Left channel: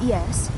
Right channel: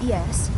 Yes?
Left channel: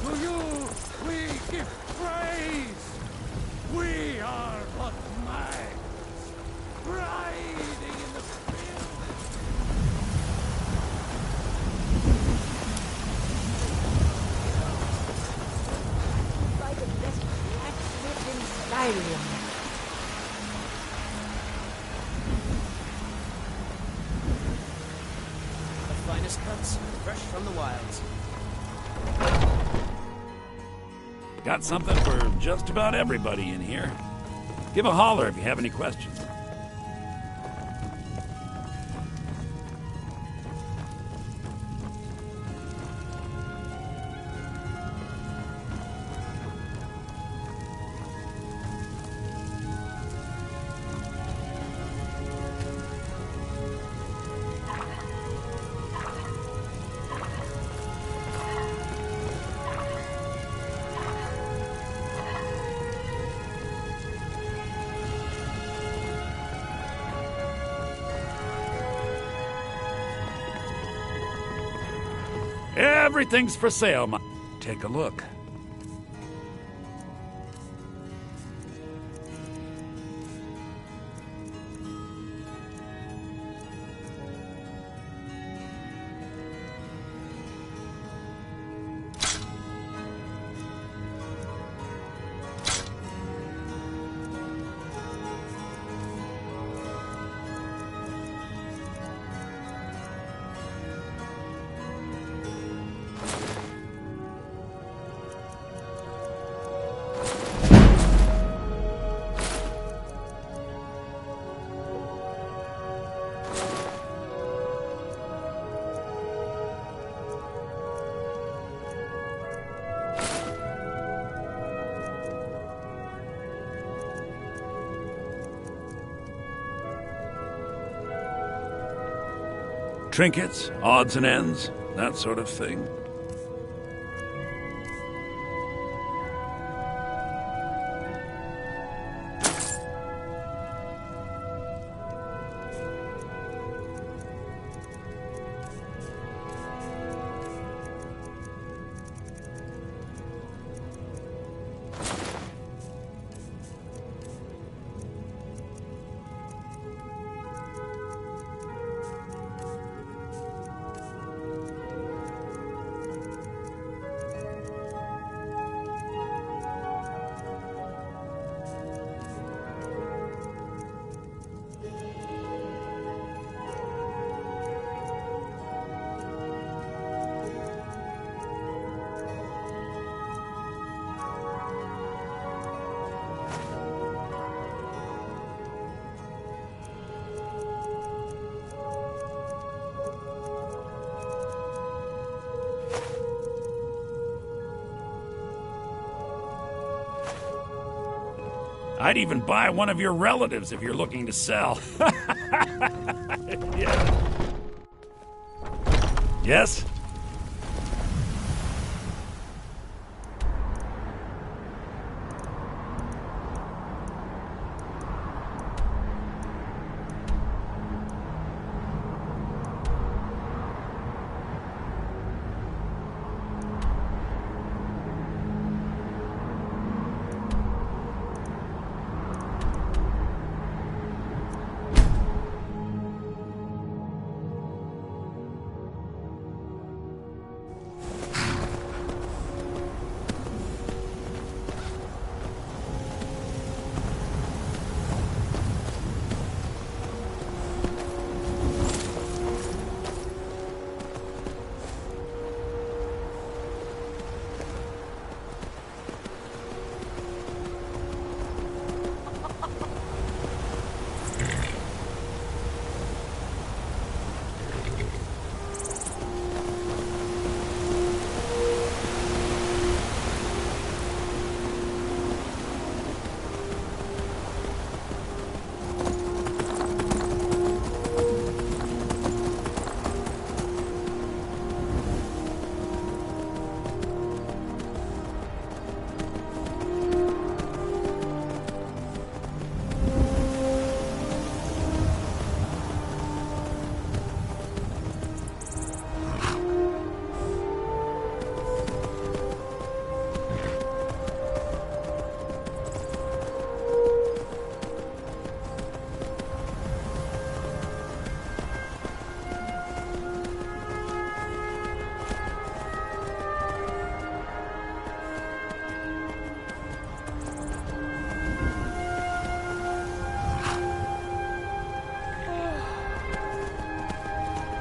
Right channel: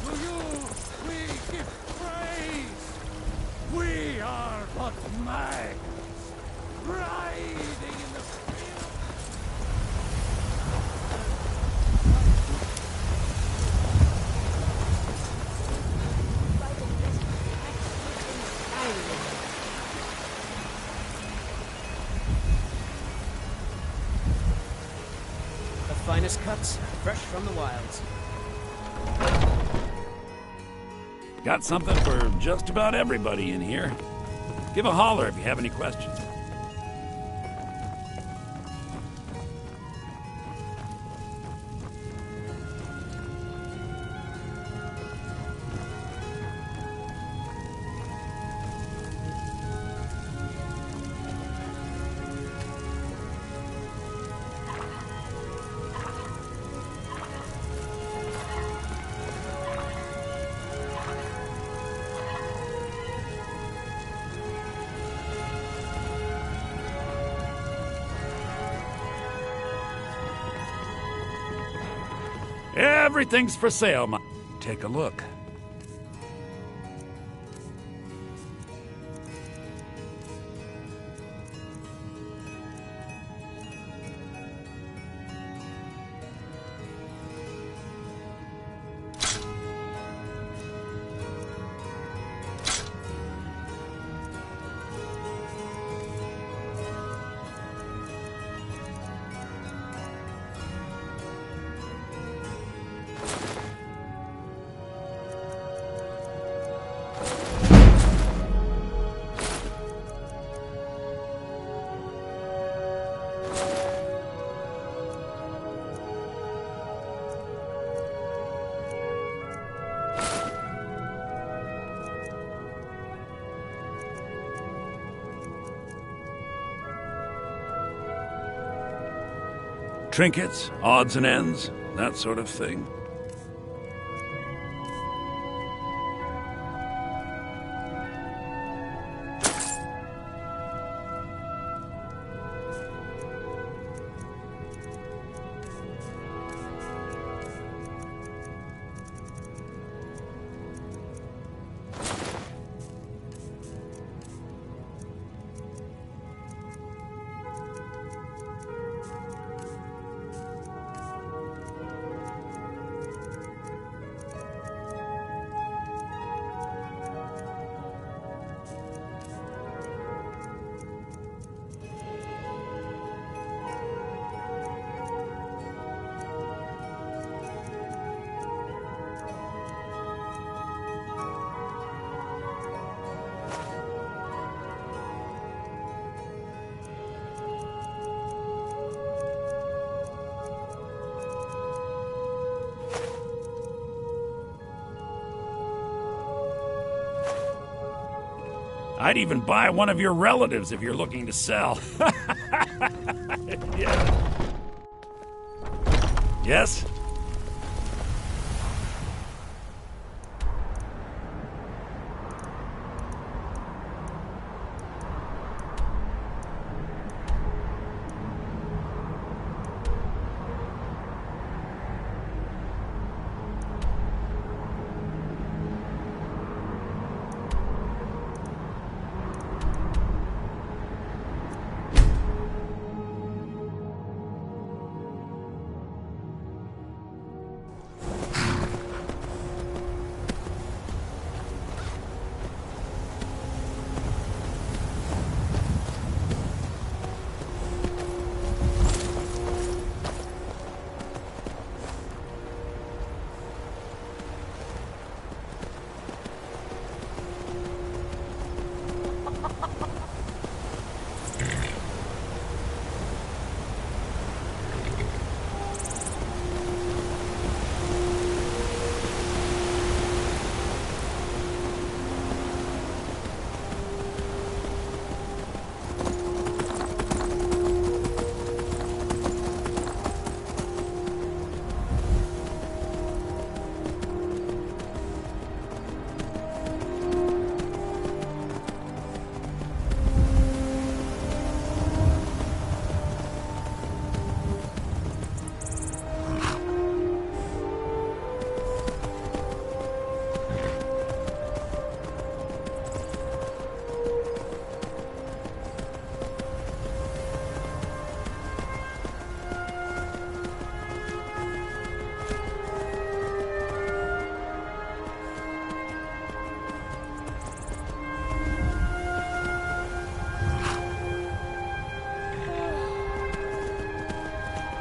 To you we give praise. We are but maggots, riding in the field. By the best blacksmith in Skyrim. The finest cuts, fresh from the wilds. Got something for just about everybody in here. Give a holler if you have any questions. Everything's for sale, Take a look. Trinkets, odds and ends, that sort of thing. I'd even buy one of your relatives if you're looking to sell. Yeah. Yes?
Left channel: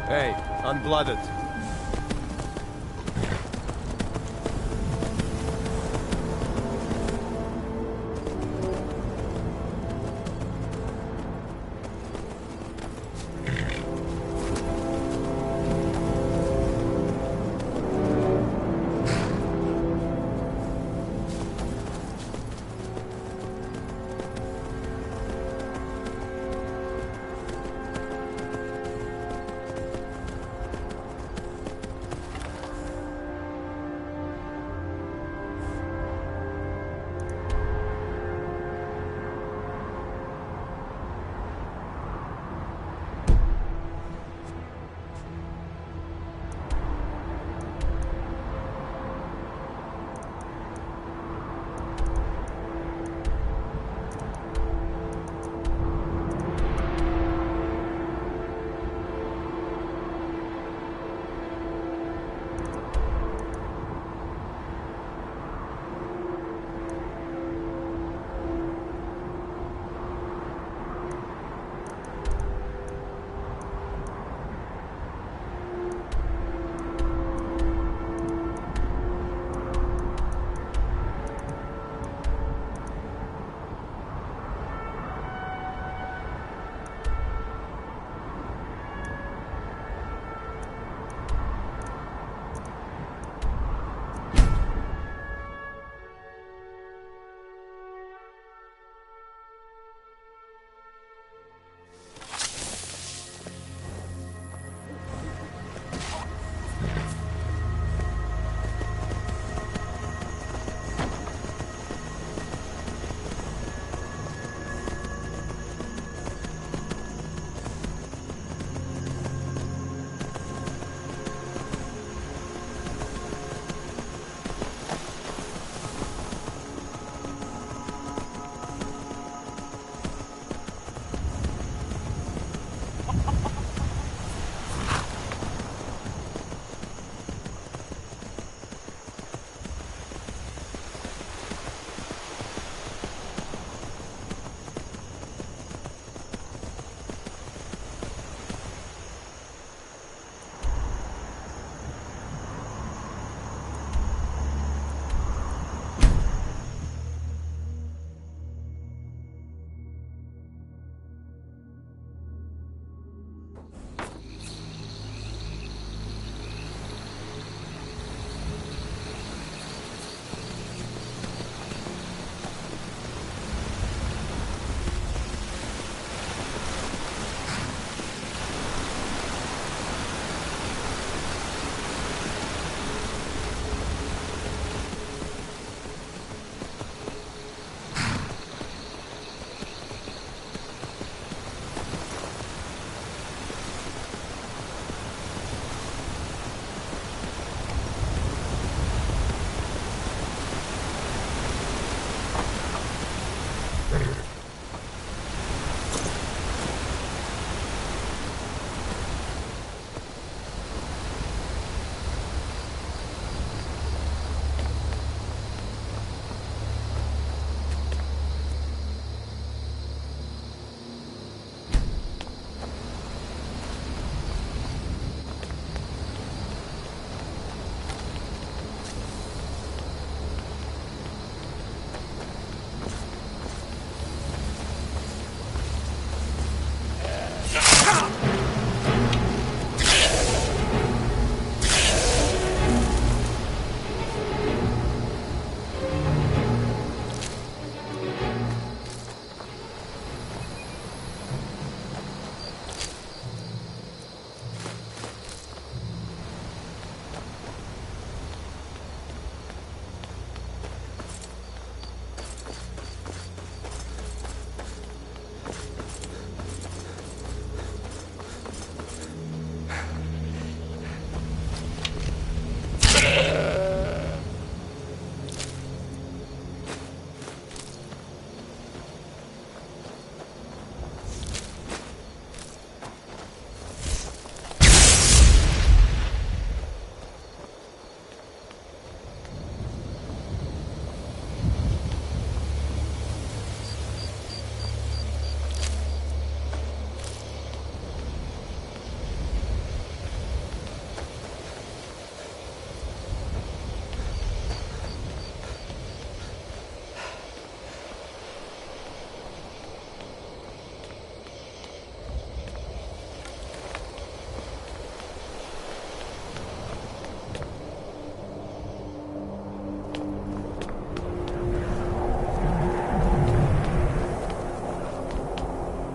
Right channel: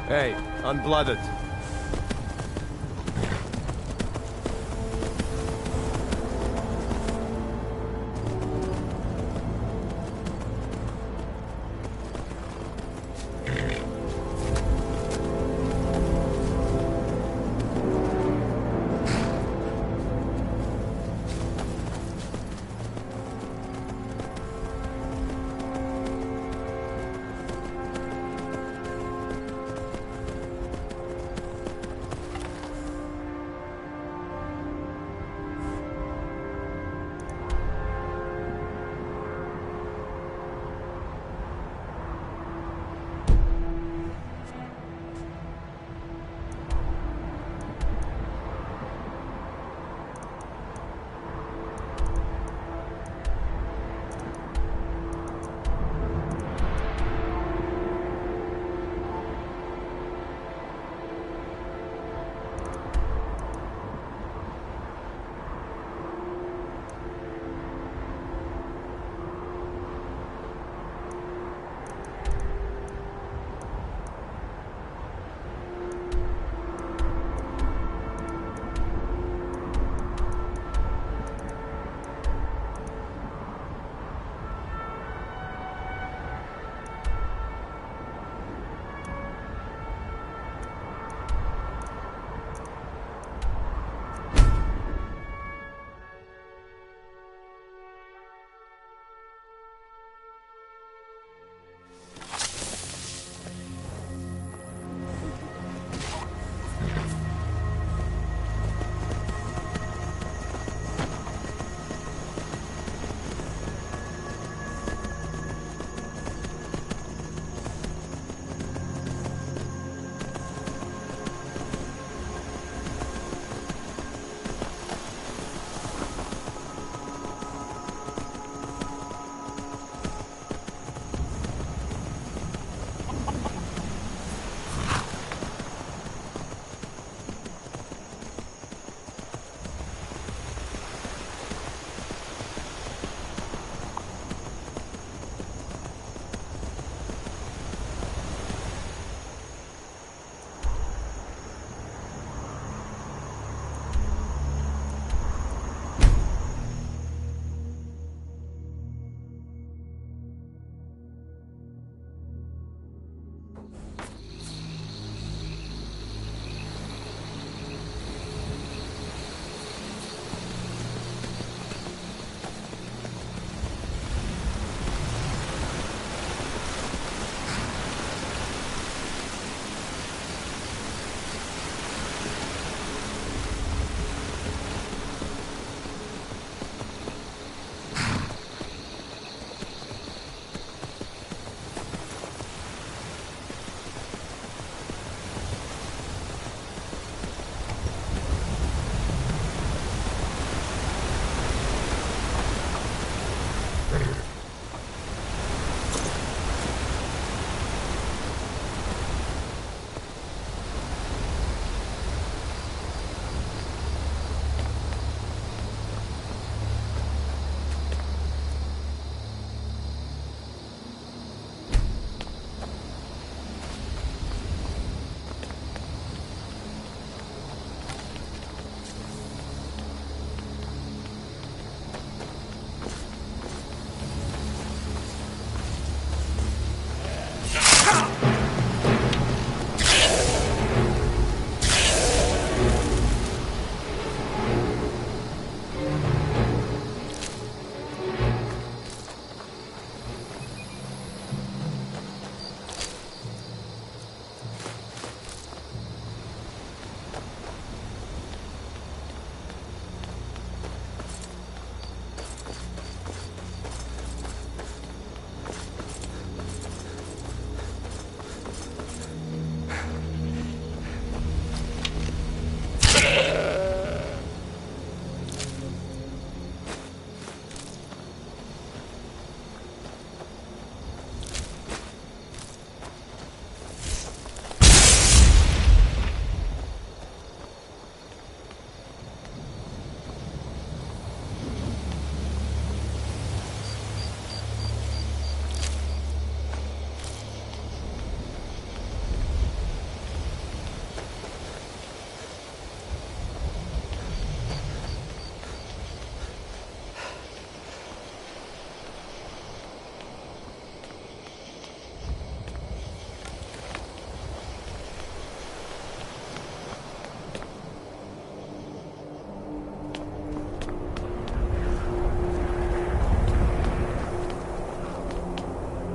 Hey, unblooded.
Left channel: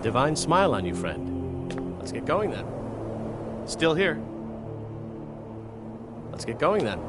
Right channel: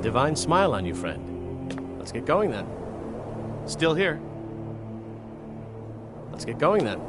divine smile on you, friend. Let's get going then. Still here. Let's get going then.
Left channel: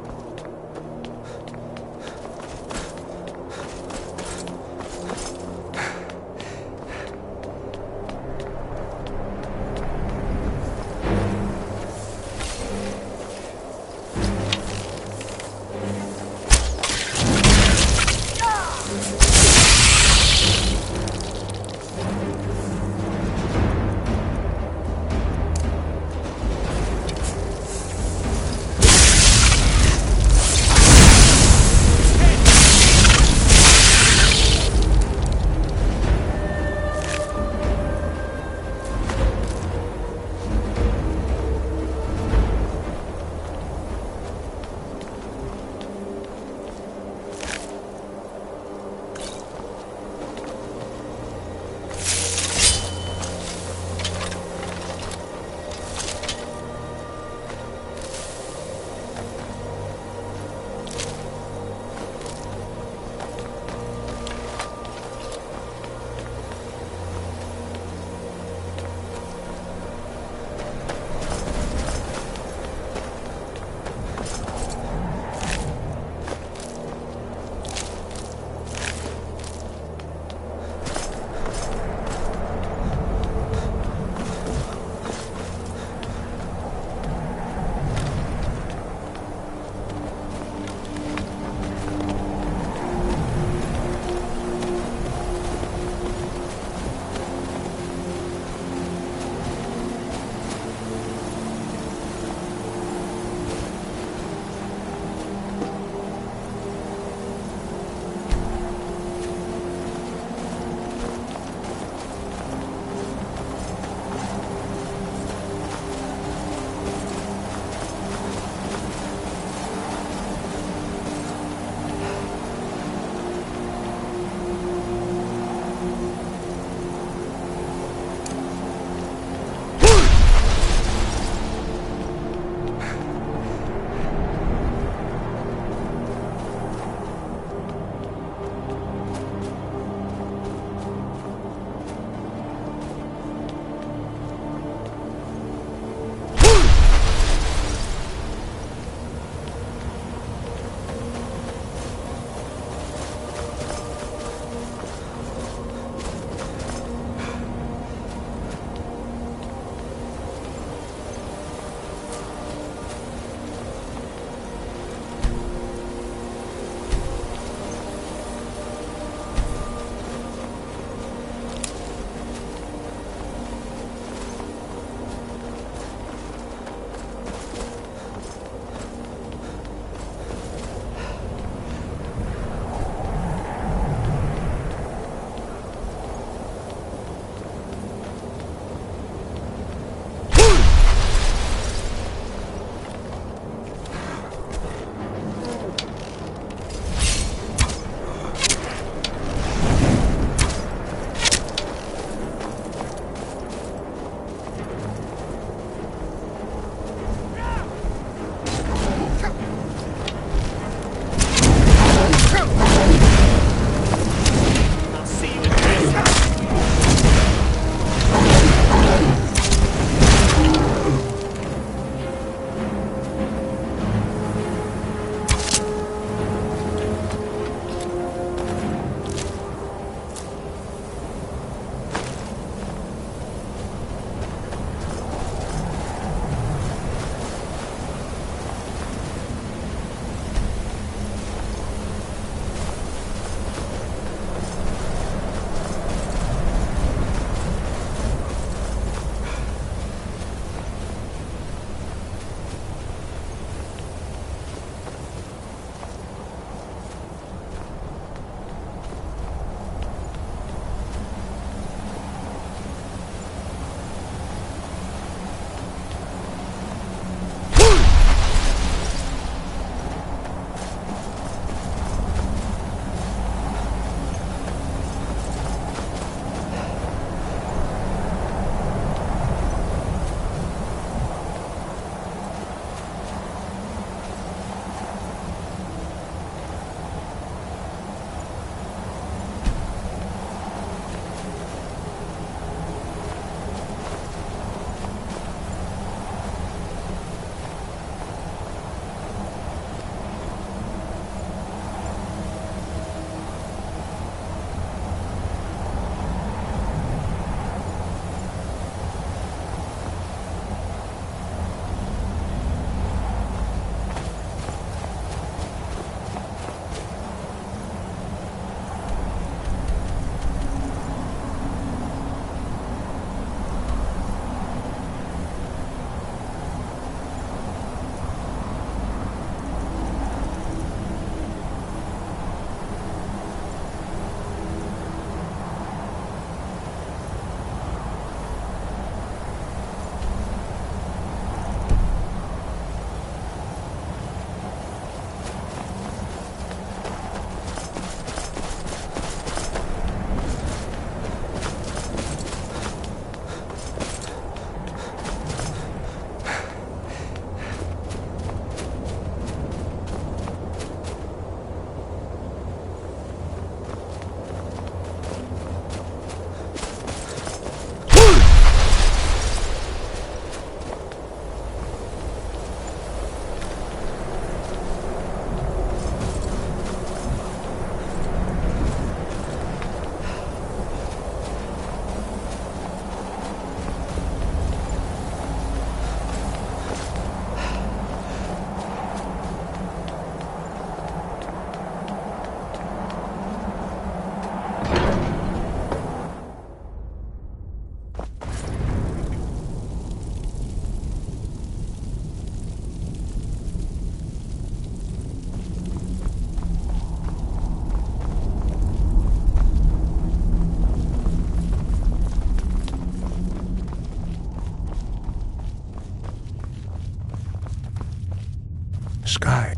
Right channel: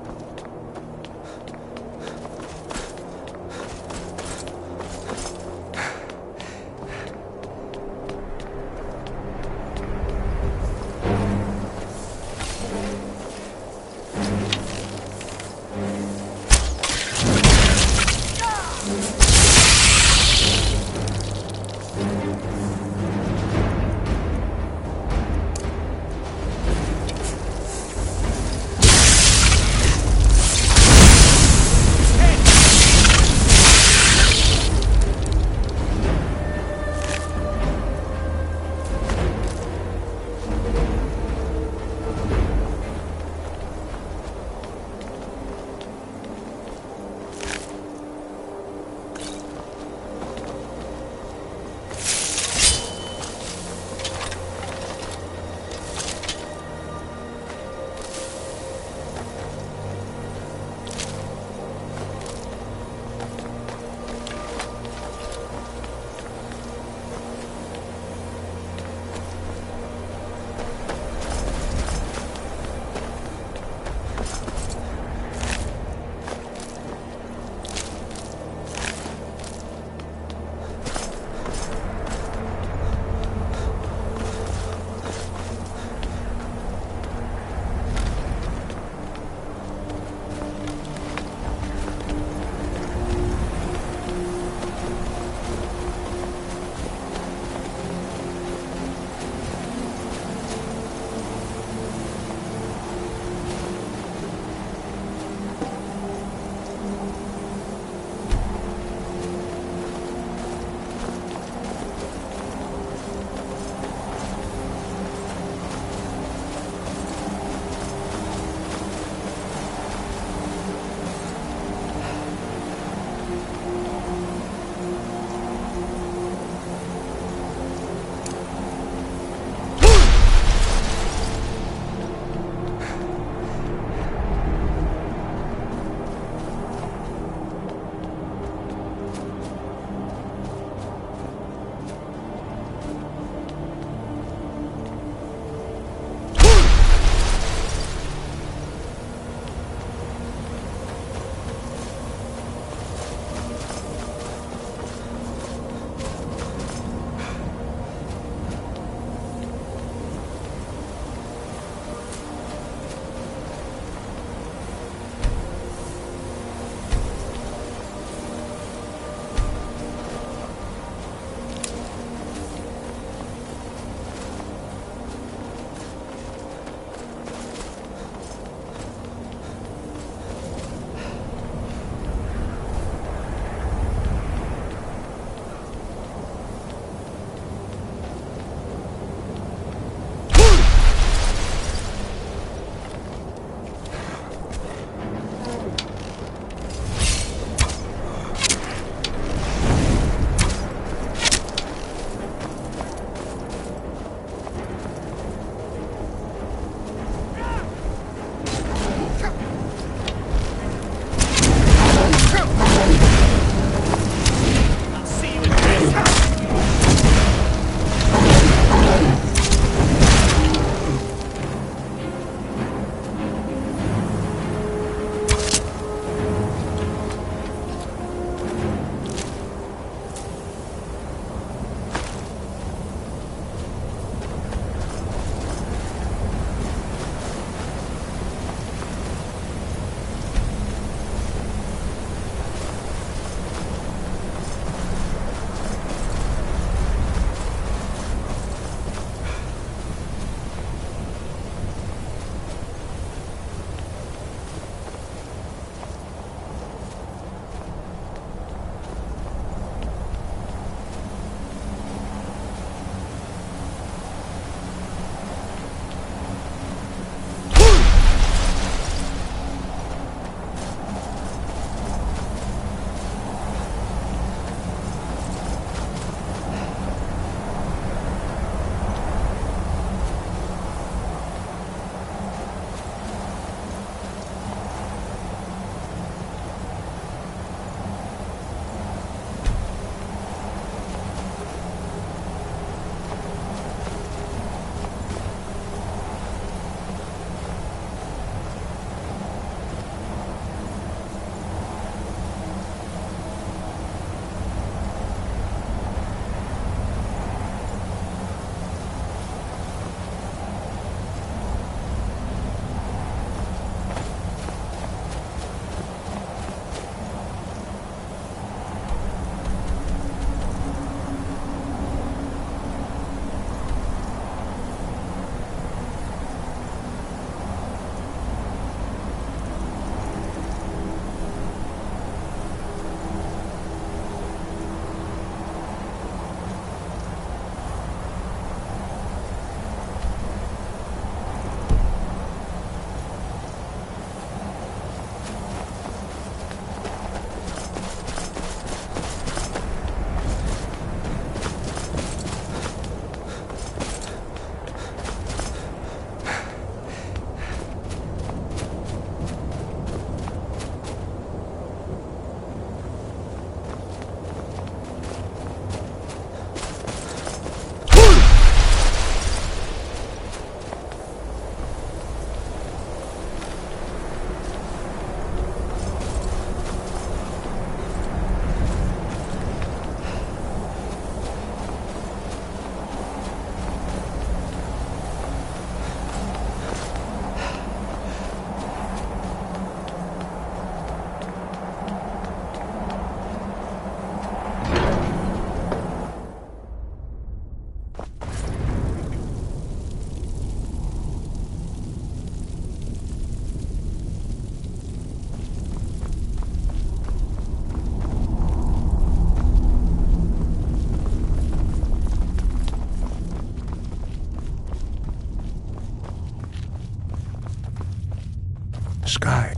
Sky.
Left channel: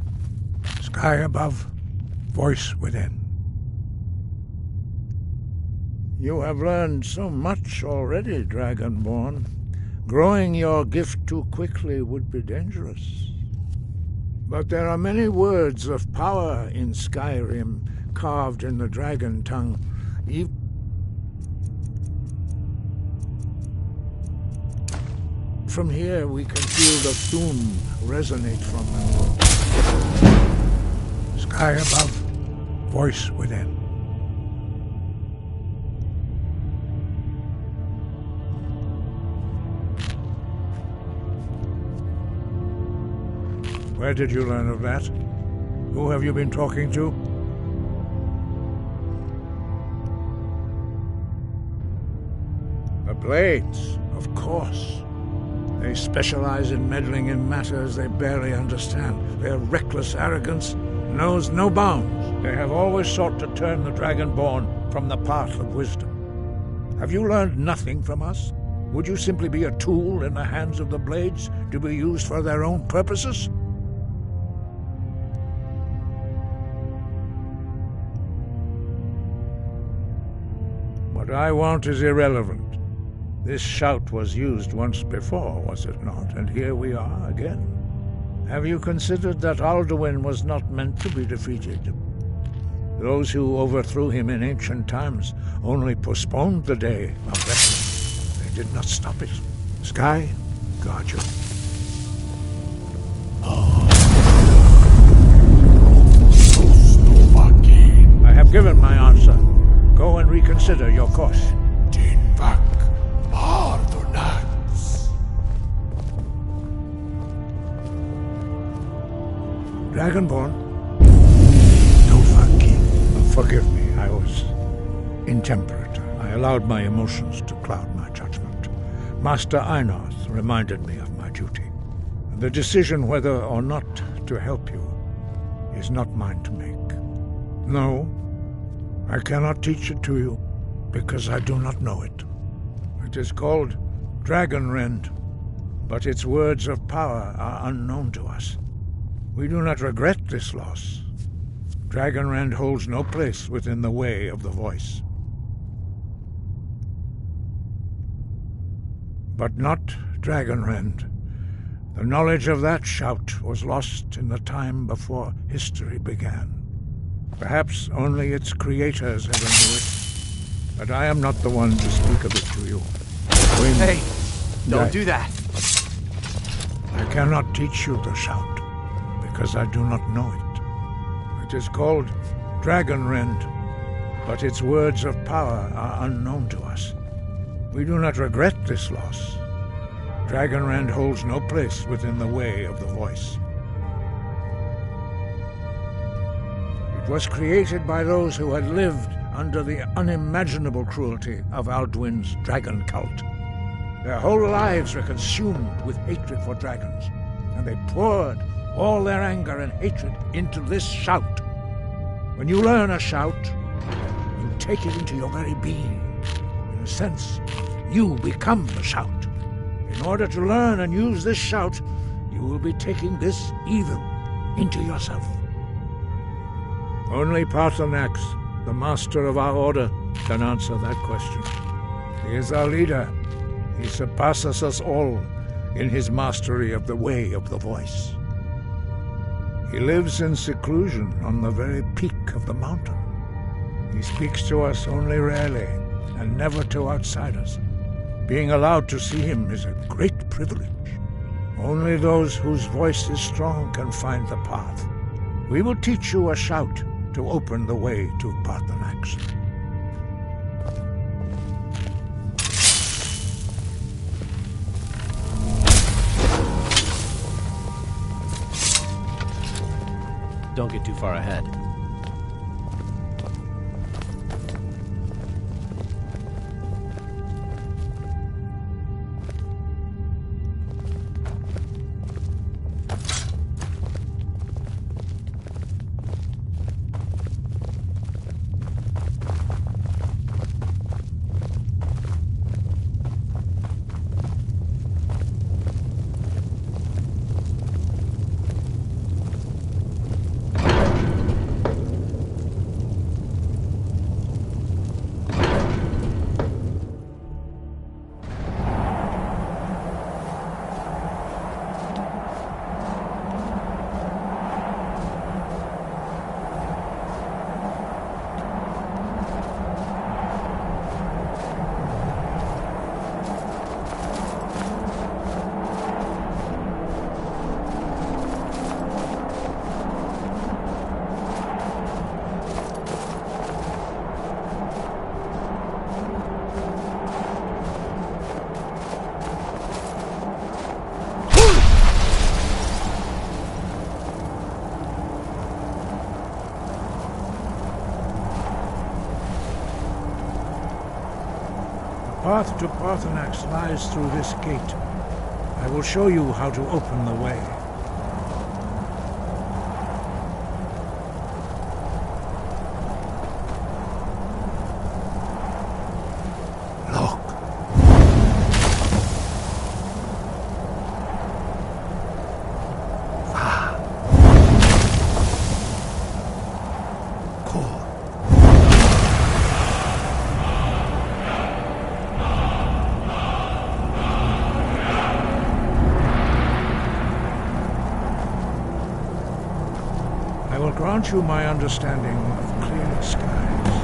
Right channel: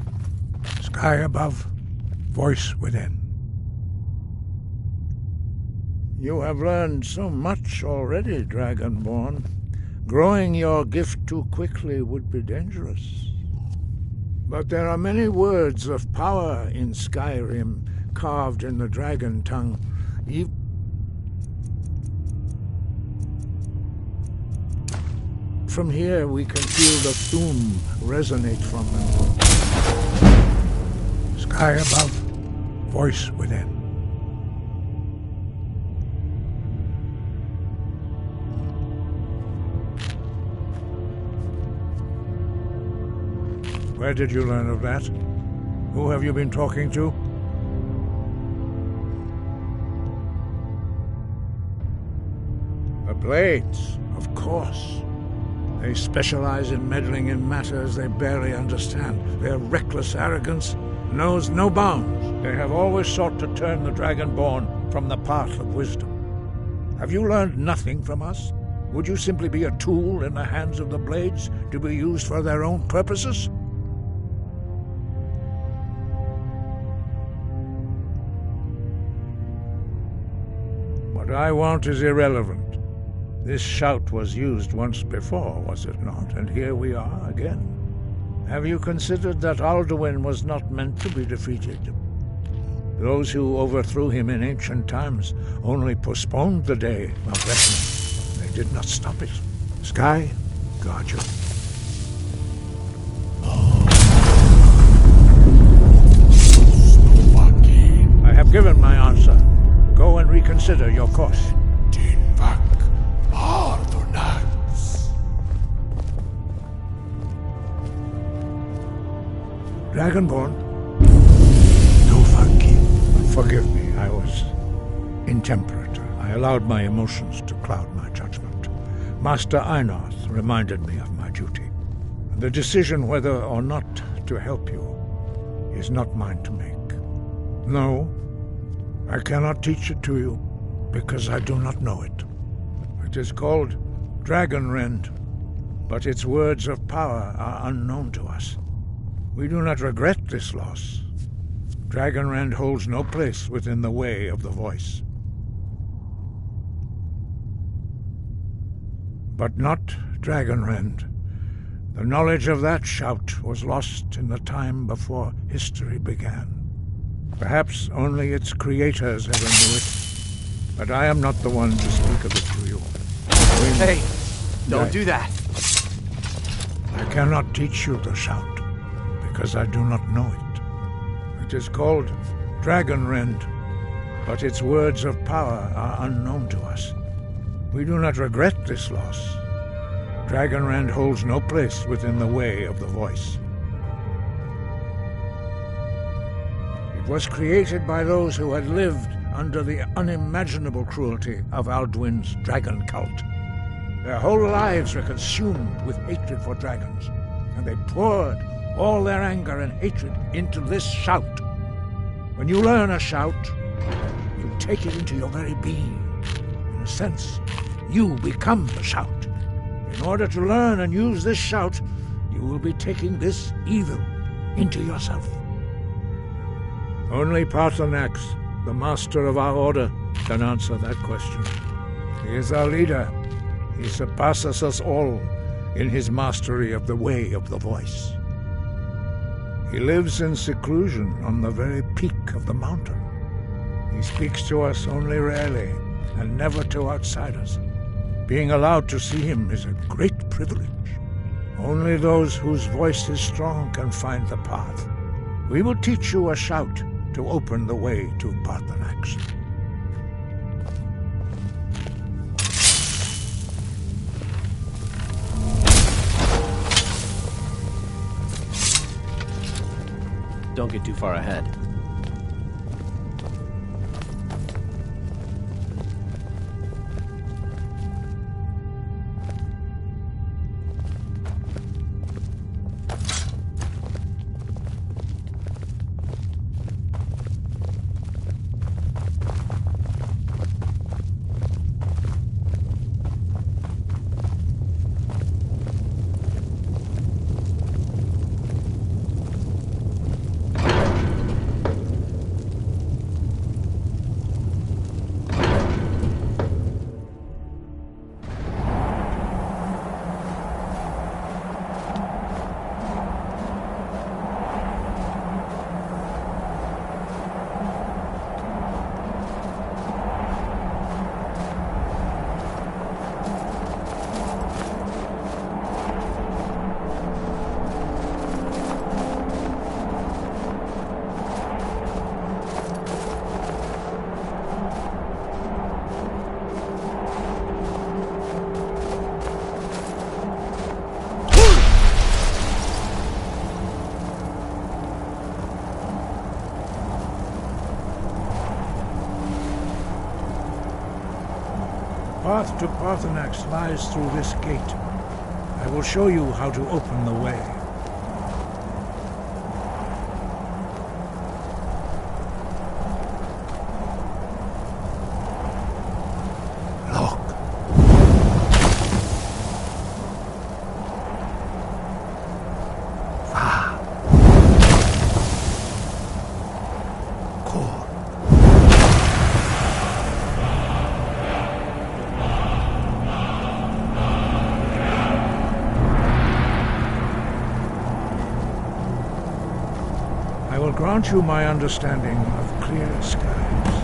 Sky above, voice within. You have learned so much already, Dragonborn. Growing your gift too quickly would be dangerous. But there are many words of power in Skyrim, carved in the dragon tongue. From here we can feel the Thum resonate from them. Sky above, voice within. Where did you learn of that? Who have you been talking to? The Blades, of course. They specialize in meddling in matters they barely understand. Their reckless arrogance knows no bounds. They have always sought to turn the Dragonborn from the path of wisdom. Have you learned nothing from us? Would you simply be a tool in the hands of the Blades to be used for their own purposes? What I want is irrelevant. This shout was used once before, was it not? And here we are again. Have you considered that Alduin was not meant to be defeated? Those who overthrew him in ancient times only postponed the day of reckoning. They did not stop it. Sky, guard you. I have given my answer. Go and reconsider your course. Dragonborn? Forgive me, I was intemperate. I allowed my emotions to cloud my judgment. Master Einarth reminded me of my duty. The decision whether or not to help you is not mine to make. No, I cannot teach it to you, because I do not know it. It is called Dragonrend, but its words of power are unknown to us. We do not regret this loss. Dragonrend holds no place within the way of the voice. But not Dragonrend. The knowledge of that shout was lost in the time before history began. Perhaps only its creators ever knew it, but I am not the one to speak of it to you. Hey, don't do that. I cannot teach you the shout, because I do not know it. It is called Dragonrend, but its words of power are unknown to us. We do not regret this loss. Dragonrend holds no place within the way of the voice. It was created by those who had lived under the unimaginable cruelty of Alduin's dragon cult. Their whole lives were consumed with hatred for dragons, and they poured all their anger and hatred into this shout. When you learn a shout, you take it into your very being. In a sense, you become the shout. In order to learn and use this shout, you will be taking this evil into yourself. Only Paarthurnax, the master of our order, can answer that question. He is our leader. He surpasses us all in his mastery of the way of the voice. He lives in seclusion on the very peak of the mountain. He speaks to us only rarely, and never to outsiders. Being allowed to see him is a great privilege. Only those whose voice is strong can find the path. We will teach you a shout to open the way to Paarthurnax. Don't get too far ahead. path to Parthenax lies through this gate. I will show you how to open the way. Look. Ah. Core. I will grant you my understanding of clear skies.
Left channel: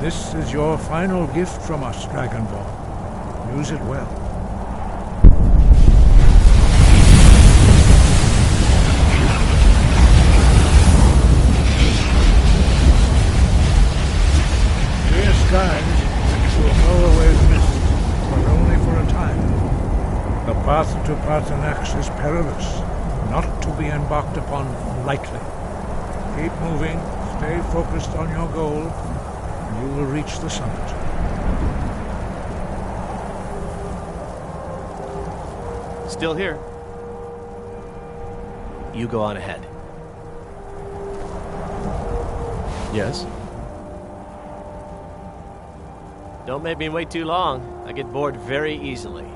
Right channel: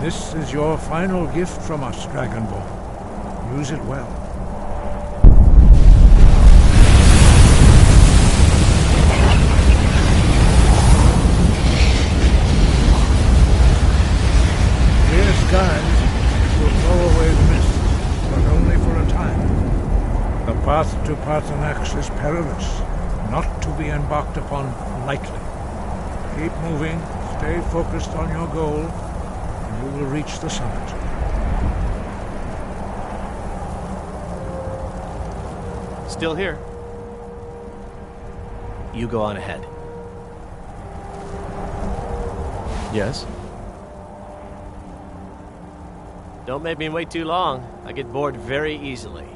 This is your final gift from us, Dragonborn. Use it well. Clear skies will blow away the mist, but only for a time. The path to Parthenax is perilous, not to be embarked upon lightly. Keep moving, stay focused on your goal, and you will reach the summit. Still here. You go on ahead. Yes? Don't make me wait too long. I get bored very easily.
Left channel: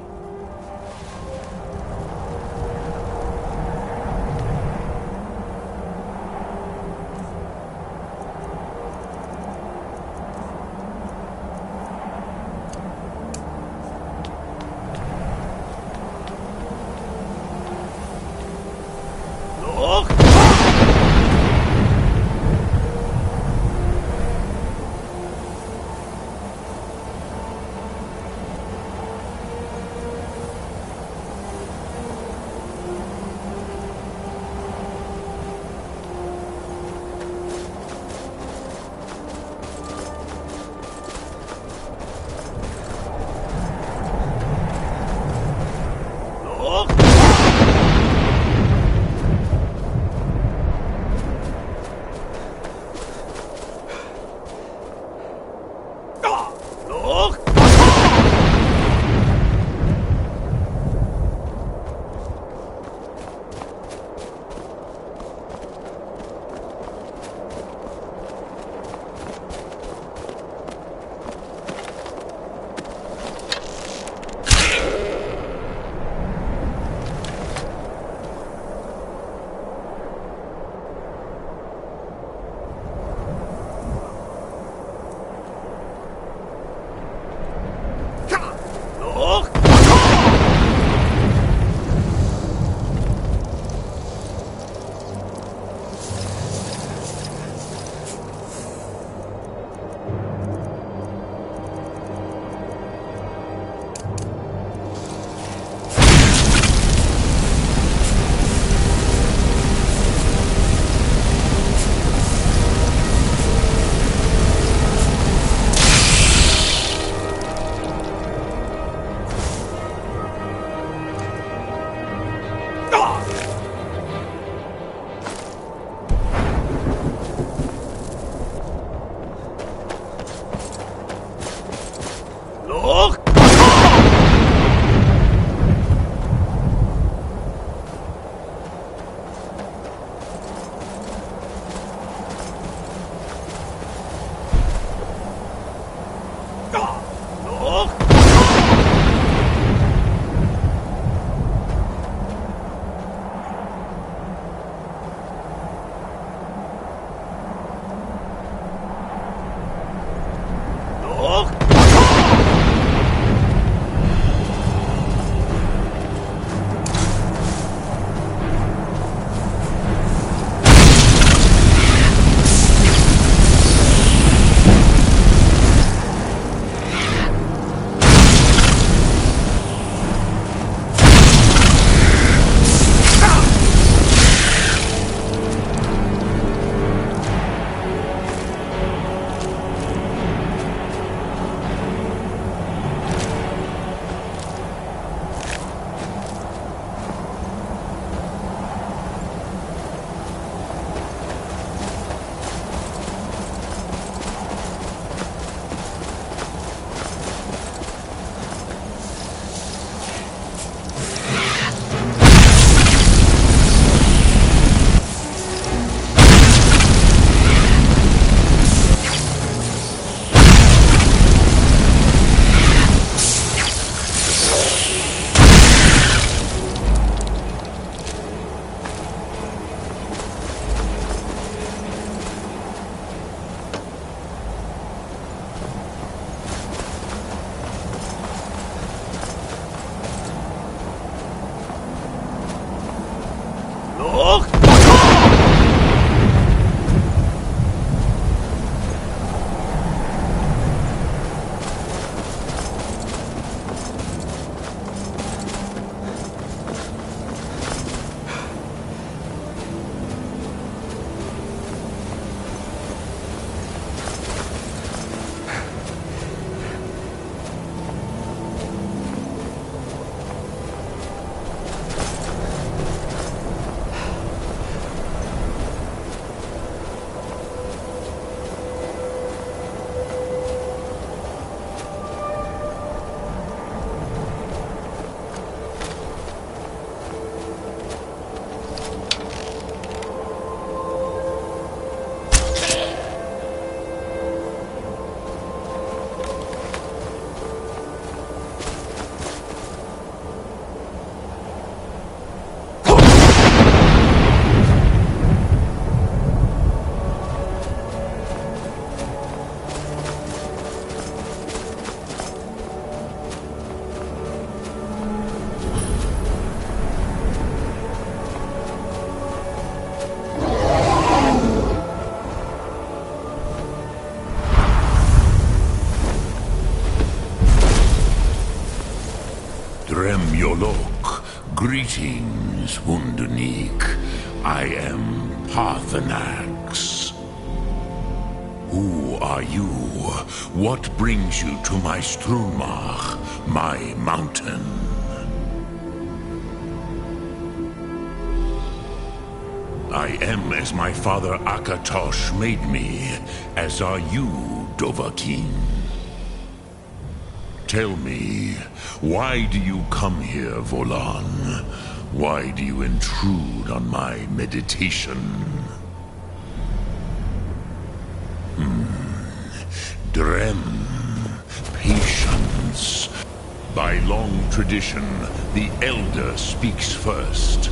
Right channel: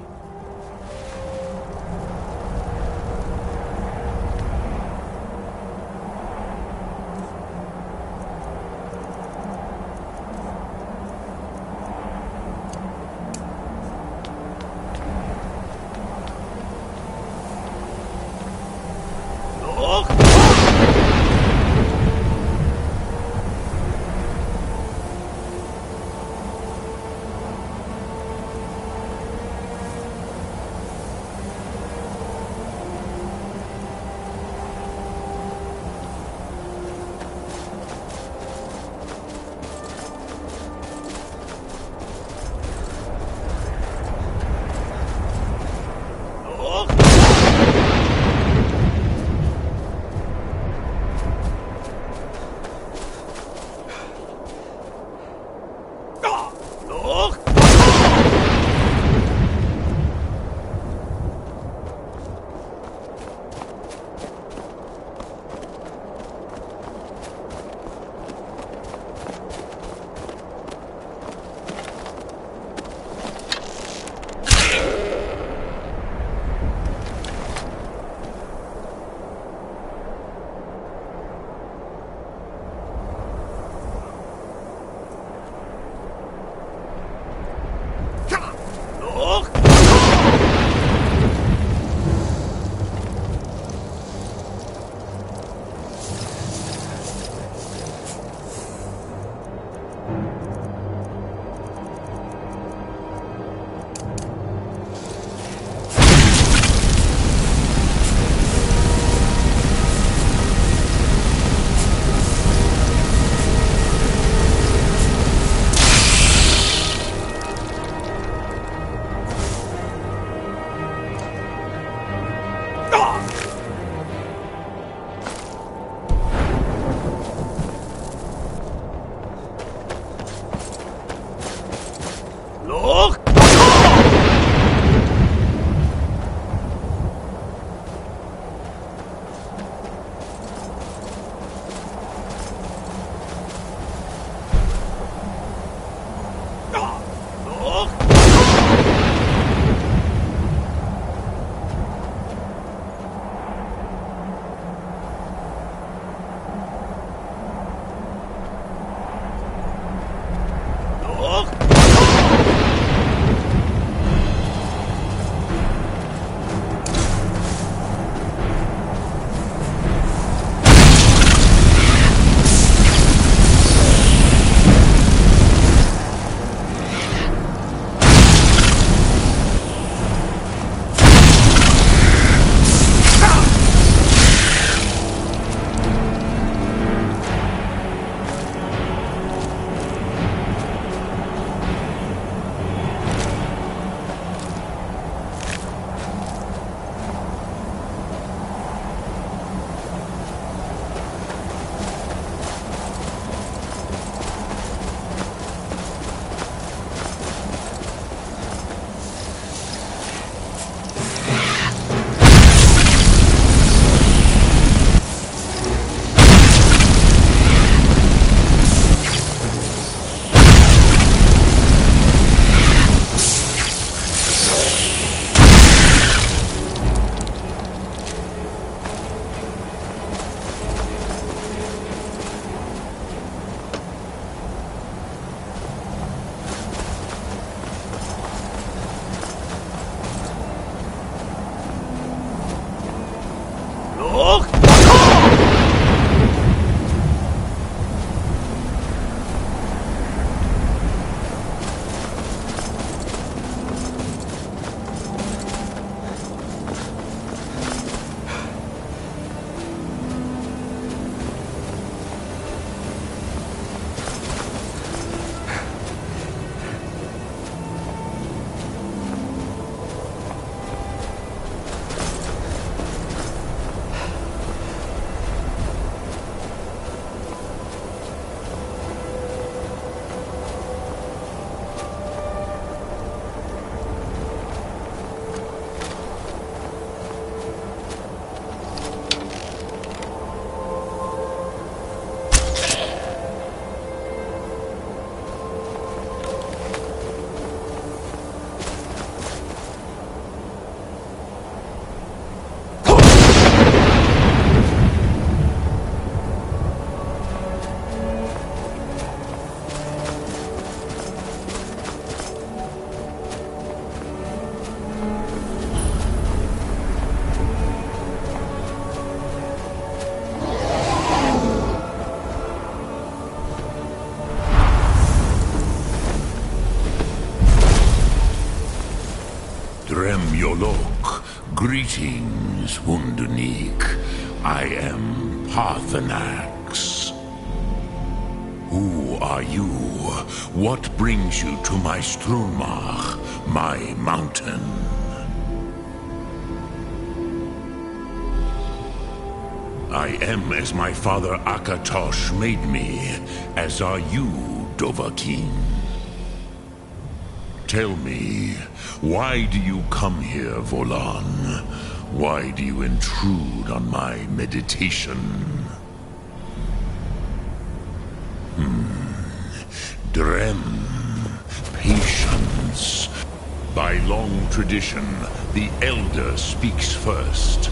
Golok. Greetings, Wunderneek. I am Parthenax. Who are you? What brings you to my Strunmach, my mountain? I am as my father Akatosh made me, as are you, Dovahkiin. Tell me, why do you come here, Volan? Why do you intrude on my meditation? Drem, patience. By long tradition, the Elder speaks first.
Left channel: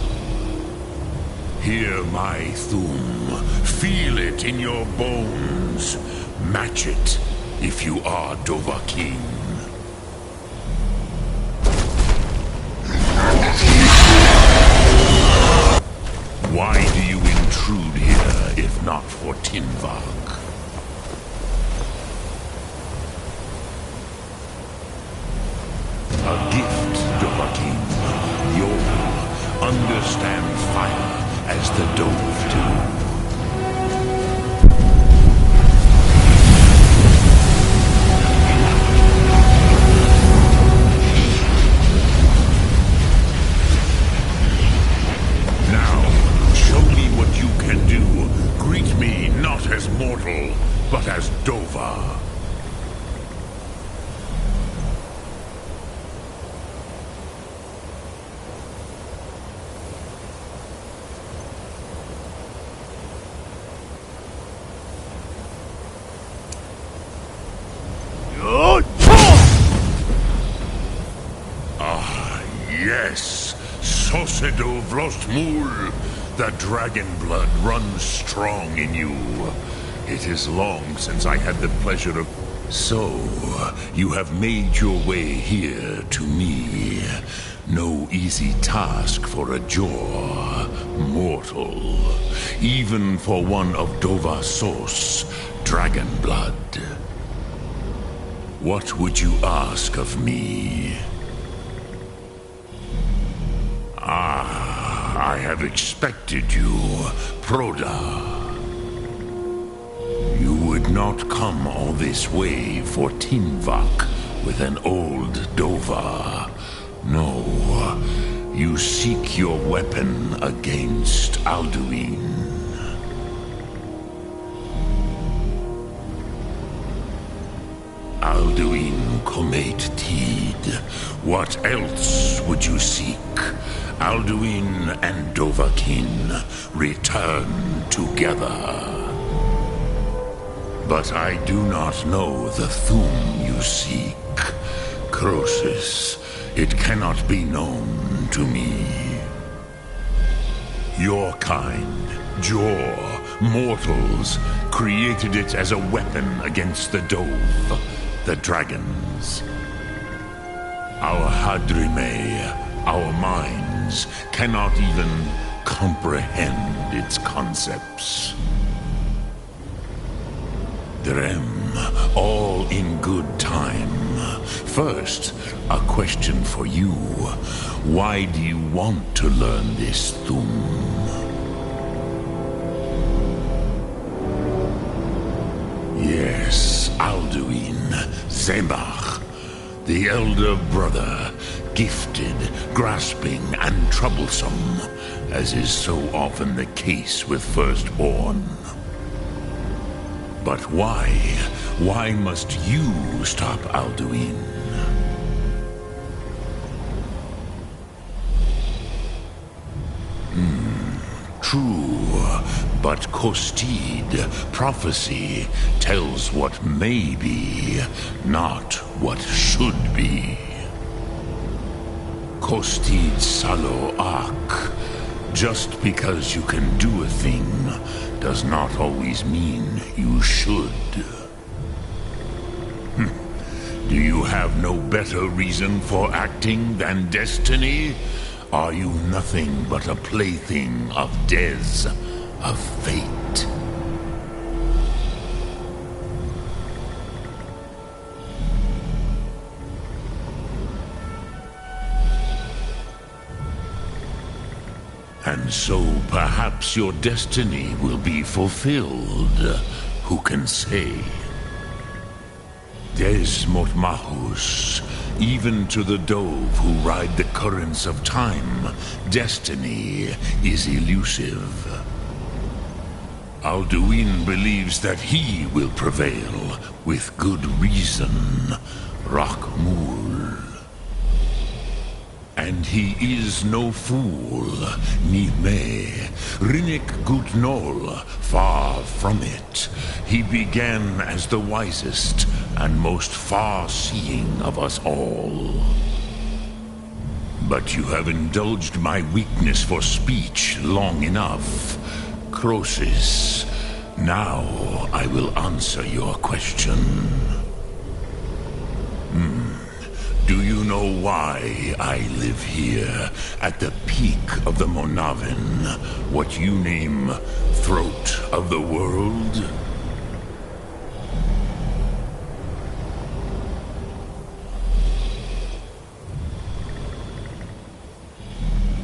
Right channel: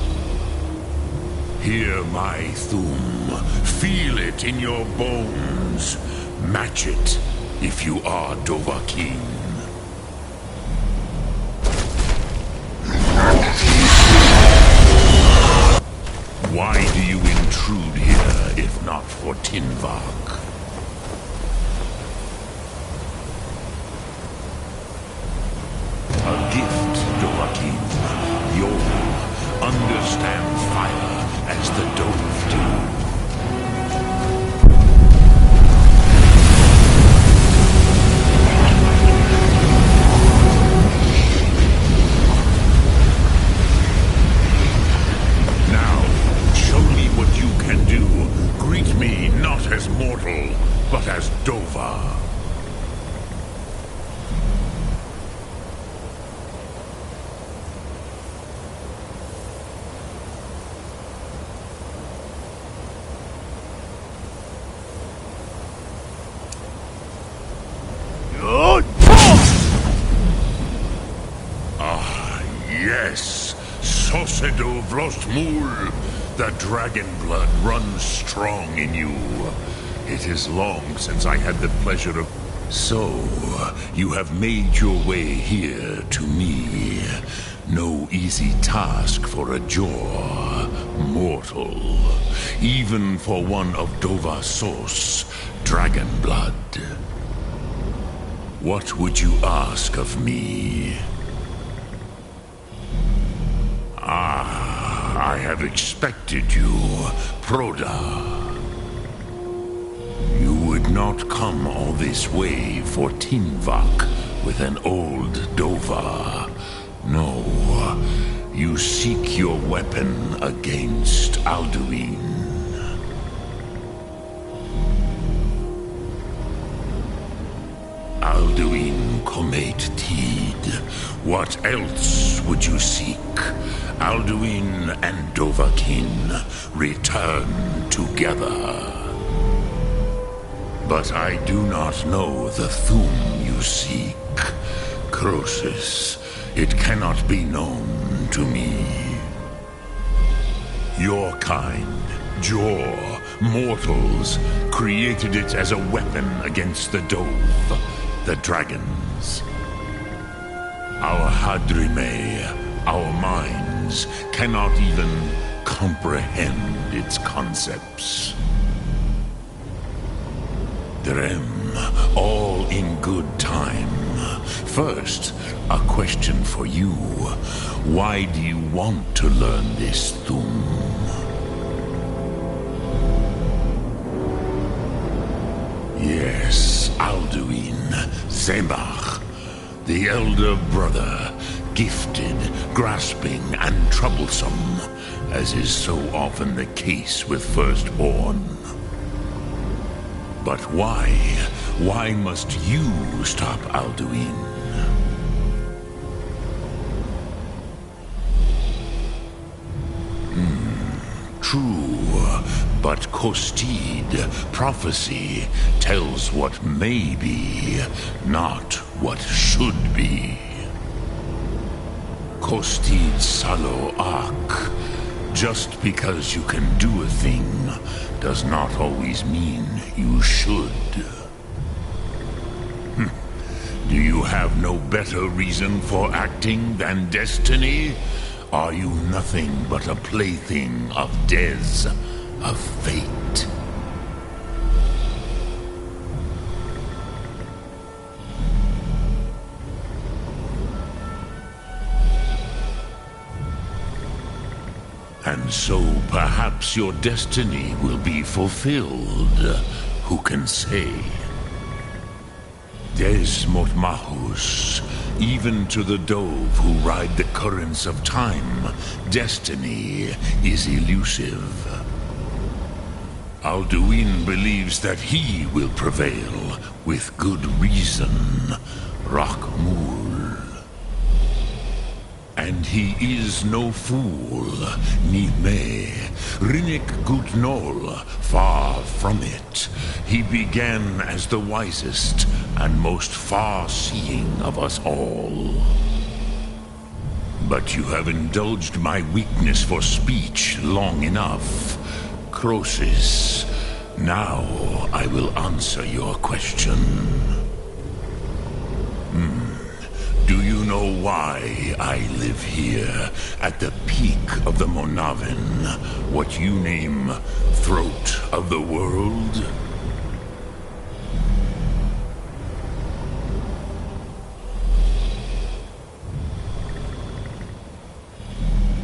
Hear my Thum. Feel it in your bones. Match it if you are Dovahkiin. Why do you intrude here if not for Tinvak? A gift, Dovahkiin. You'll understand fire as the Dove do. Greet me not as mortal, but as Dova. Ah, yes, Sosedo Vrostmul. The dragon blood runs strong in you. It is long since I had the pleasure of... So, you have made your way here to me. No easy task for a Jor, mortal. Even for one of Dovahsos, dragon blood. What would you ask of me? I have expected you, Proda. You would not come all this way for Tinvak with an old Dova. No, you seek your weapon against Alduin. Alduin Comate Teed. What else would you seek? Alduin and Dovahkiin return together. But I do not know the Thum you seek. Croesus, it cannot be known to me. Your kind, Jor, mortals, created it as a weapon against the Dove, the dragons. Our Hadrime, our minds, cannot even comprehend its concepts. Drem, all in good time. First, a question for you. Why do you want to learn this Thum? Yes, Alduin, Zemach, the elder brother, gifted, grasping, and troublesome, as is so often the case with firstborn. But why? Why must you stop Alduin? True, but Kostid, prophecy, tells what may be, not what should be. Kostid Salo Ak. Just because you can do a thing does not always mean you should. Do you have no better reason for acting than destiny? Are you nothing but a plaything of Dez, of fate? And so perhaps your destiny will be fulfilled. Who can say? Des Motmahus, even to the dove who ride the currents of time, destiny is elusive. Alduin believes that he will prevail, with good reason, Rakmul. And he is no fool, Nime, Rinnik Gutnol, far from it. He began as the wisest and most far-seeing of us all. But you have indulged my weakness for speech long enough. Croesus, now I will answer your question. Do you know why I live here, at the peak of the Monavin, what you name Throat of the World?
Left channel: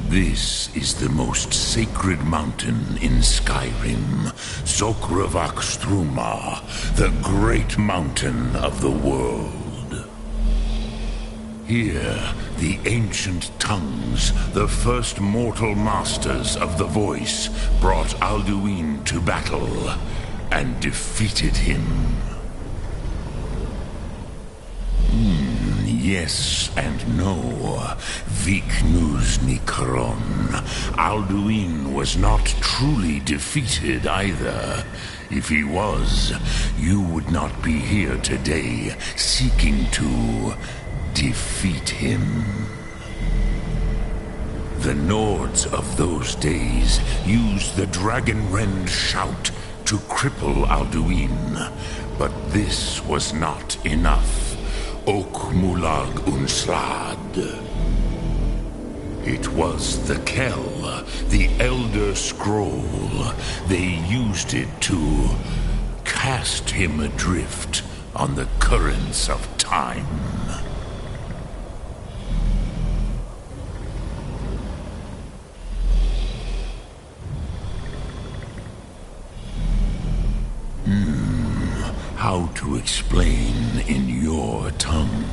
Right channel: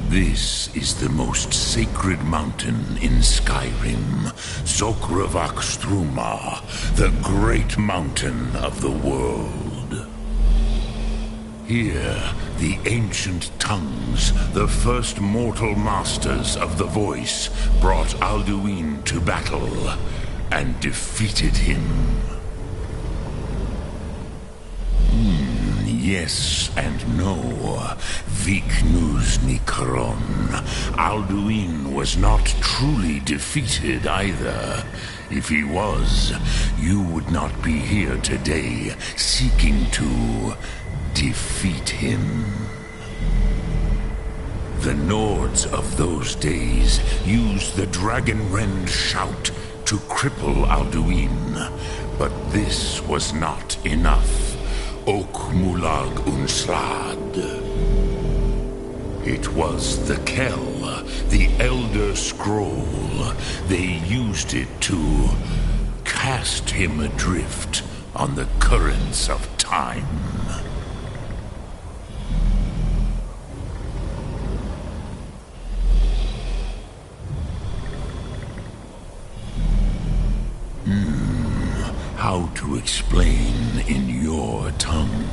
This is the most sacred mountain in Skyrim, Zokravak Struma, the great mountain of the world. Here, the ancient tongues, the first mortal masters of the voice, brought Alduin to battle and defeated him. Yes and no. Viknus Nikron. Alduin was not truly defeated either. If he was, you would not be here today seeking to defeat him. The Nords of those days used the Dragonrend shout to cripple Alduin, but this was not enough. Ok Mulag Unslad. It was the Kell, the Elder Scroll. They used it to cast him adrift on the currents of time. How to explain in your tongue?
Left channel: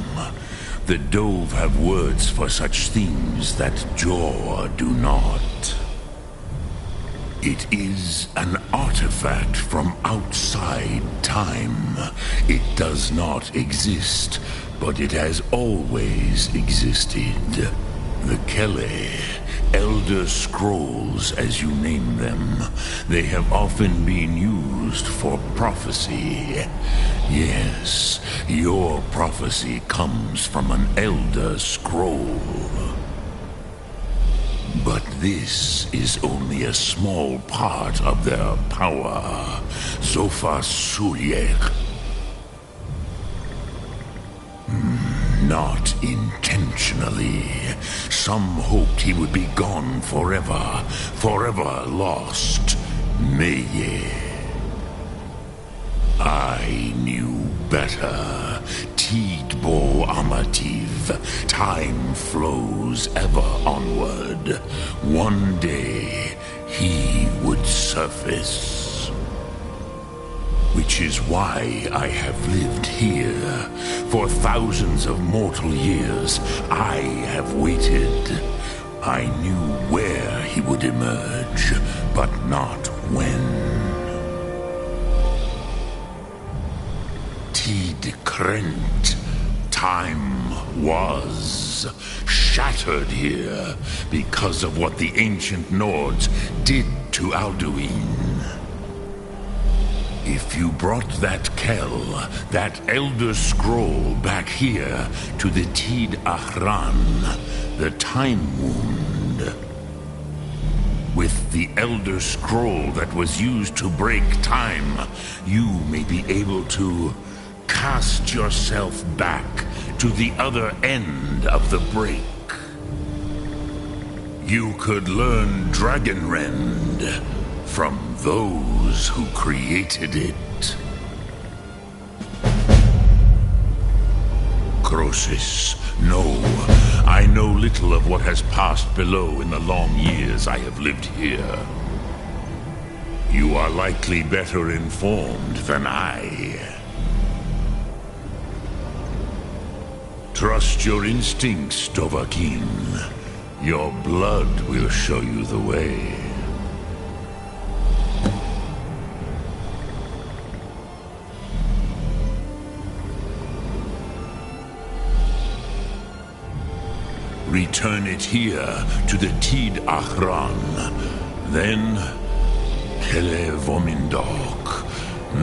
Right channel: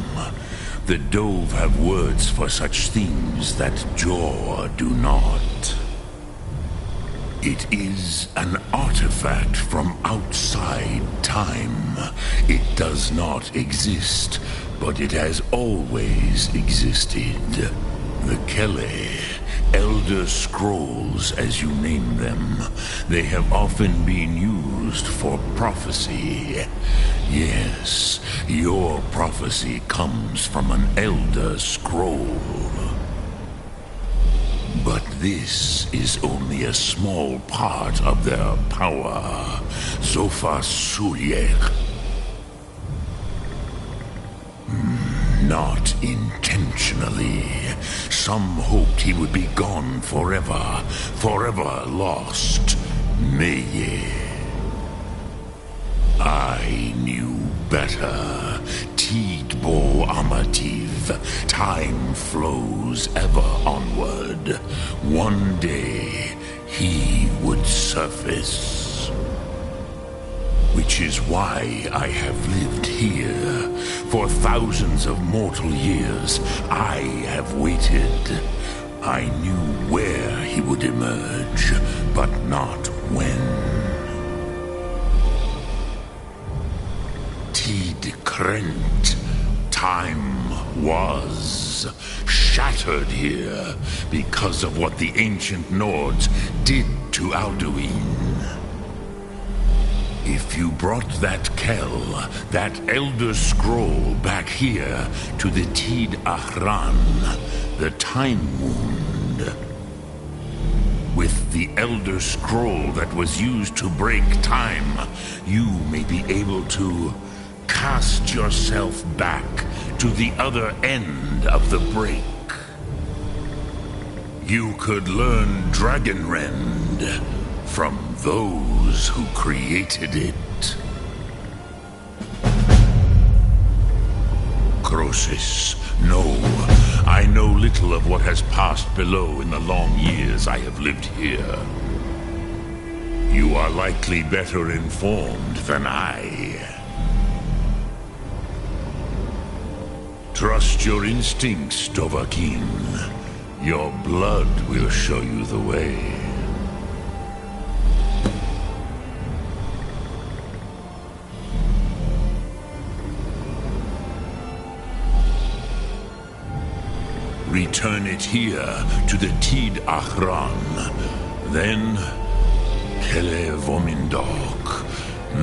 The Dove have words for such things that Jor do not. It is an artifact from outside time. It does not exist, but it has always existed. The Kele, Elder Scrolls as you name them, they have often been used for prophecy. Yes, your prophecy comes from an Elder Scroll. But this is only a small part of their power. Zofa Sulyek. Not intentionally. Some hoped he would be gone forever, forever lost. Meye. I knew better. Tidbo Amativ. Time flows ever onward. One day, he would surface. Which is why I have lived here. For thousands of mortal years, I have waited. I knew where he would emerge, but not when. Tid Krent. Time was shattered here because of what the ancient Nords did to Alduin. If you brought that Kell, that Elder Scroll back here to the Tid Ahran, the Time Wound, with the Elder Scroll that was used to break time, you may be able to cast yourself back to the other end of the break. You could learn Dragonrend from those who created it. Croesus, no, I know little of what has passed below in the long years I have lived here. You are likely better informed than I. Trust your instincts, Dovahkiin. Your blood will show you the way. Return it here to the Tid Achran. Then, Kele Vomindok.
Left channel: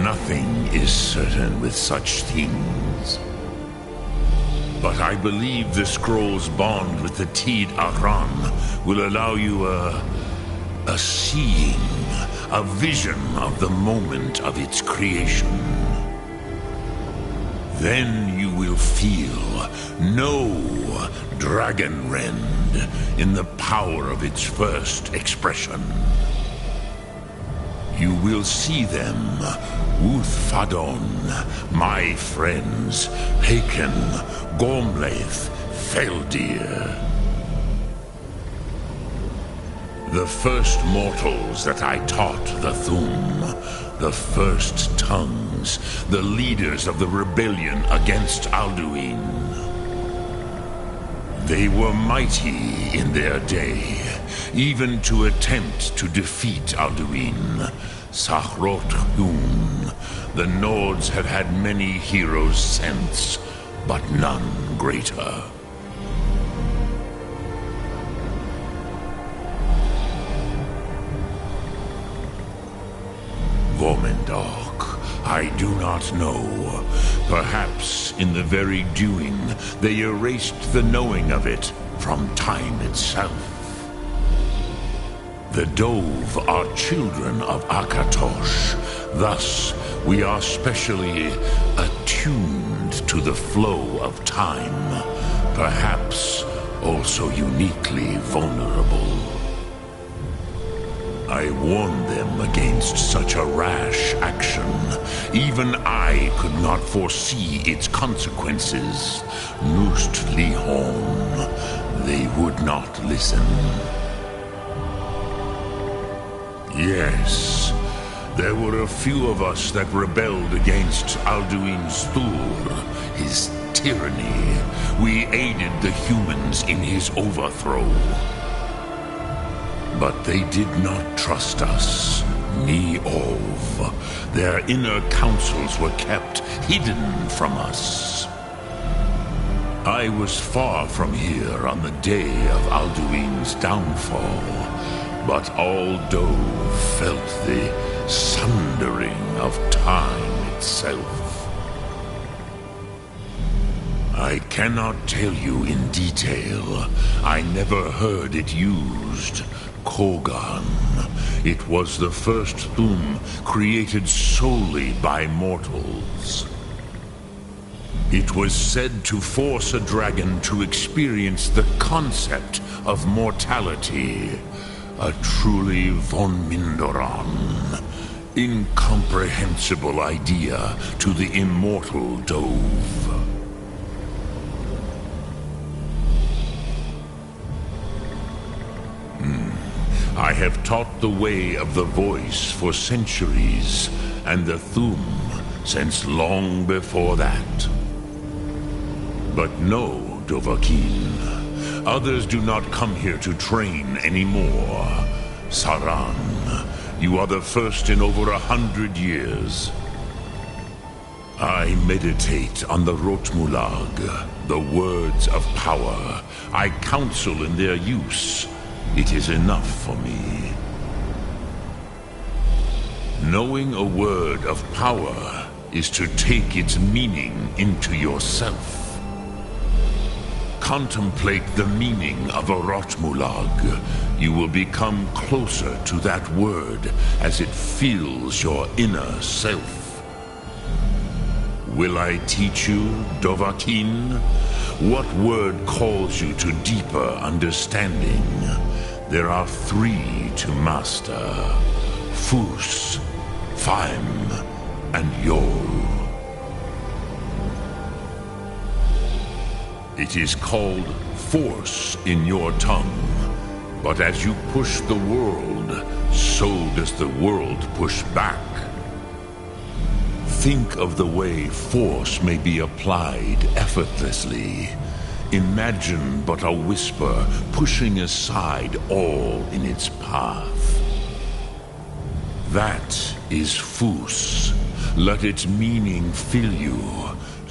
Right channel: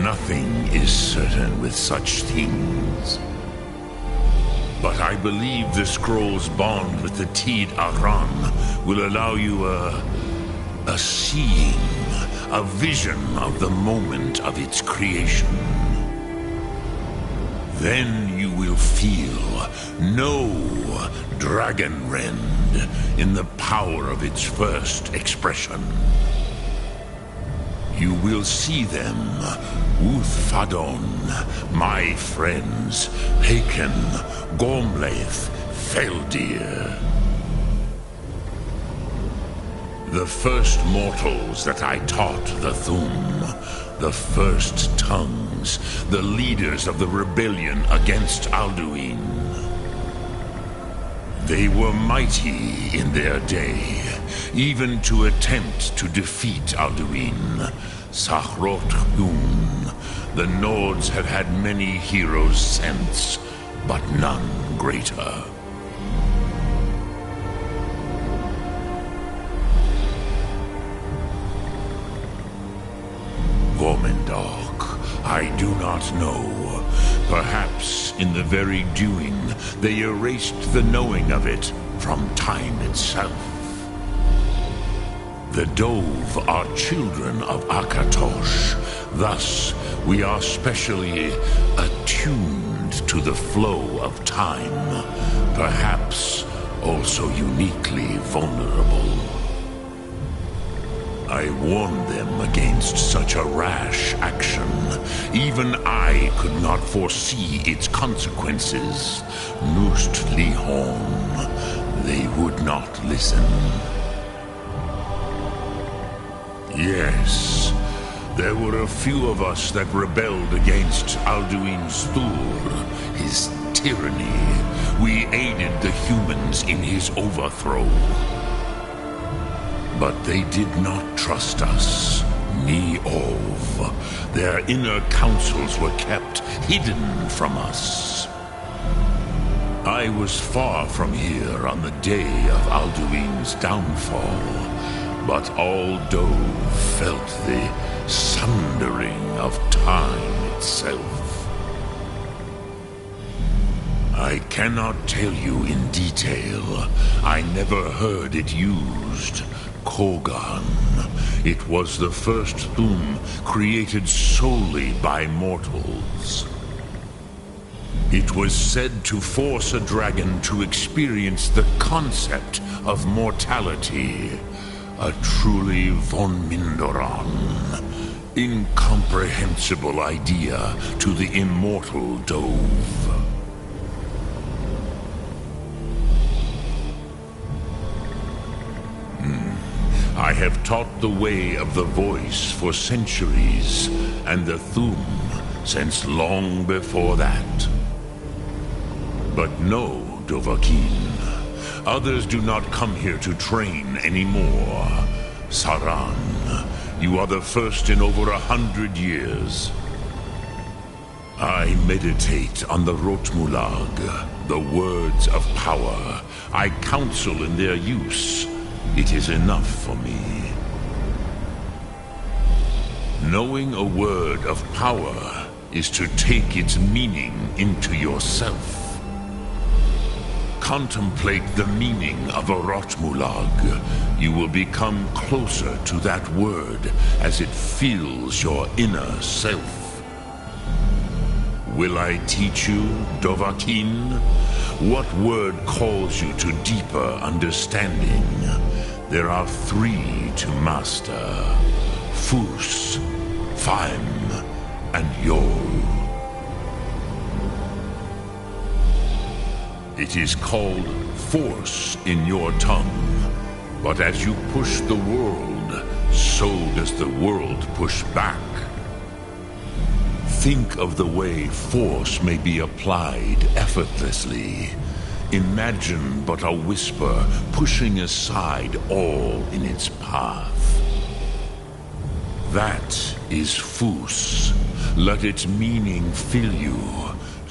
Nothing is certain with such things. But I believe the scroll's bond with the Tid Achran will allow you a seeing, a vision of the moment of its creation. Then you will feel, know Dragon Rend in the power of its first expression. You will see them, Uthfadon, my friends, Haken, Gormlaith, Feldir. The first mortals that I taught the Thum, the first tongues, the leaders of the rebellion against Alduin. They were mighty in their day, even to attempt to defeat Alduin. Sahrot Hun, the Nords have had many heroes since, but none greater. Gormendok, I do not know. Perhaps in the very doing, they erased the knowing of it from time itself. The Dove are children of Akatosh. Thus, we are specially attuned to the flow of time. Perhaps also uniquely vulnerable. I warned them against such a rash action. Even I could not foresee its consequences. Nust Lihon, they would not listen. Yes, there were a few of us that rebelled against Alduin's Thur, his tyranny. We aided the humans in his overthrow. But they did not trust us, ni Ov. Their inner counsels were kept hidden from us. I was far from here on the day of Alduin's downfall, but all Dove felt the sundering of time itself. I cannot tell you in detail. I never heard it used. Kogan. It was the first Thum created solely by mortals. It was said to force a dragon to experience the concept of mortality. A truly von Mindoran, incomprehensible idea to the immortal Dove. I have taught the way of the voice for centuries, and the Thum since long before that. But no, Dovahkiin, others do not come here to train anymore. Saran, you are the first in over 100 years. I meditate on the Rotmulag, the words of power. I counsel in their use. It is enough for me. Knowing a word of power is to take its meaning into yourself. Contemplate the meaning of a Rotmulag. You will become closer to that word as it fills your inner self. Will I teach you, Dovahkiin? What word calls you to deeper understanding? There are 3 to master. Fus, Faim, and Yol. It is called force in your tongue. But as you push the world, so does the world push back. Think of the way force may be applied effortlessly. Imagine but a whisper pushing aside all in its path. That is Fus. Let its meaning fill you.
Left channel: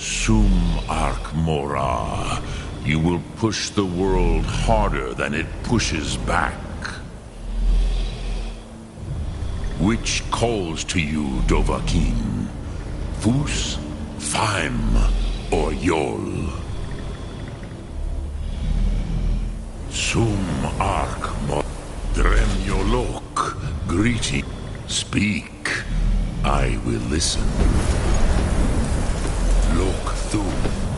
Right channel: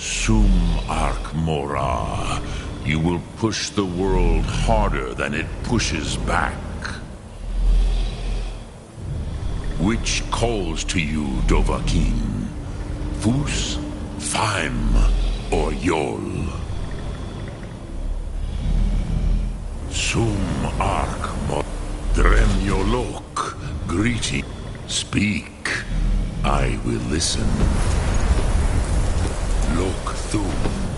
Sum arc mora. You will push the world harder than it pushes back. Which calls to you, Dovahkiin? Fus, Faim, or Yol? Sum arc mora. Dremyolok. Greeting. Speak. I will listen. Lok Thum.